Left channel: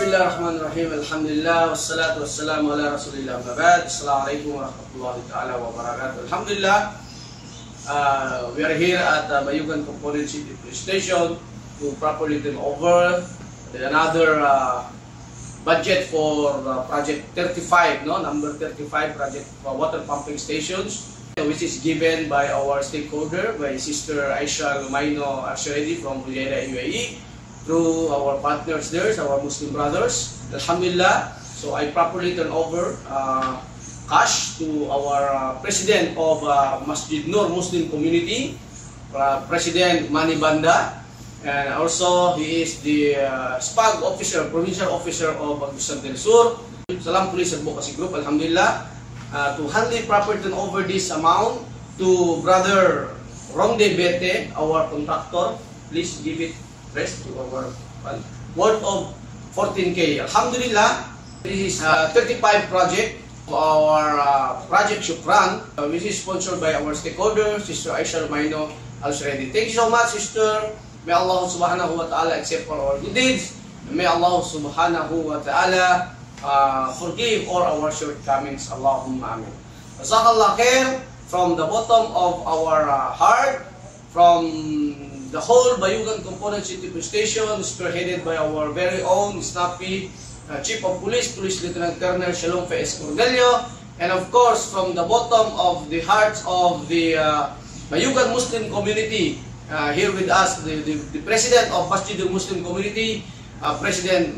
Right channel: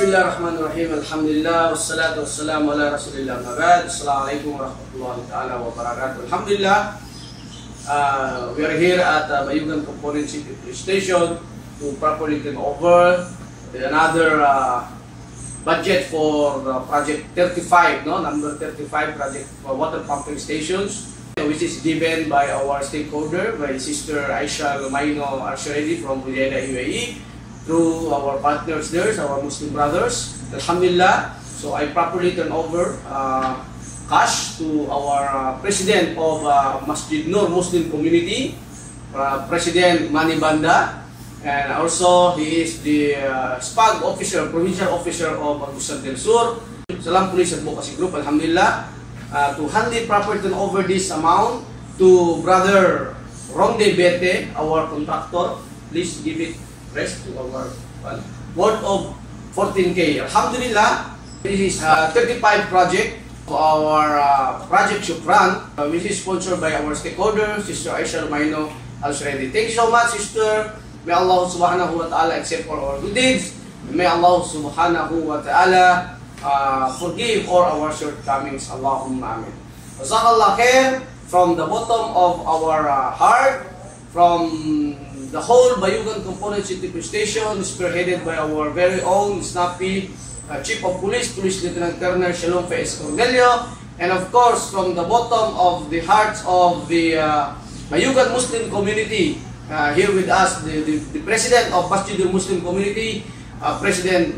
Bismillahirrahmanirrahim. Alhamdulillah wassalatu wassalamu ala Rasulillah. Mabad. Assalamualaikum warahmatullahi taala wabarakatuh. Alhamdulillah, we are here at Bayugan Component City Police Station to properly turn over another budget for project 35, number 35 project for water pumping stations, which is given by our stakeholder, by Sister Aisha Lumaino Arshadi from Fujairah, UAE, through our partners there, our Muslim brothers. Alhamdulillah, so I properly turn over cash to our president of Masjid Nur Muslim Community, President Mani Banda, and also he is the SPAG officer, provincial officer of Agusan del Sur, Salam Police Advocacy Group. Alhamdulillah, to handle properly turn over this amount to Brother Rongde Berte, our contractor. Please give it rest to our worth of 14K. Alhamdulillah, this is 35 project of our Project Shukran, which is sponsored by our stakeholder, Sister Aisha Lumaino Al-Sharedi. Thank you so much, Sister. May Allah subhanahu wa ta'ala accept all our good deeds. May Allah subhanahu wa ta'ala forgive all our shortcomings. Allahumma amin. Jazakallah khair from the bottom of our heart, from the whole Bayugan Component City Police Station, spearheaded by our very own snappy Chief of Police, Police Lieutenant Colonel Shalom Faiz Cornelio, and of course from the bottom of the hearts of the Bayugan Muslim community, here with us, the President of Masjid Muslim Community, President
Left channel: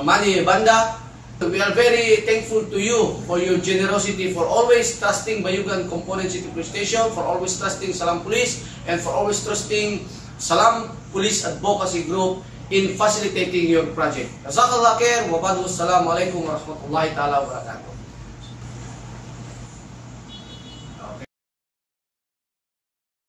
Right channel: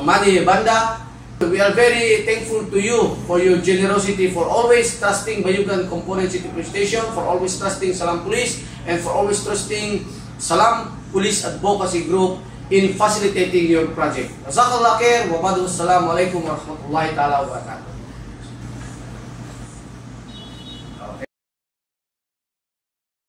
Mani Banda. We are very thankful to you for your generosity, for always trusting Bayugan Component City Police Station, for always trusting Salam Police, and for always trusting Salam Police Advocacy Group in facilitating your project. Jazakallah khair wa ba'du. Assalamualaikum warahmatullahi taala wabarakatuh.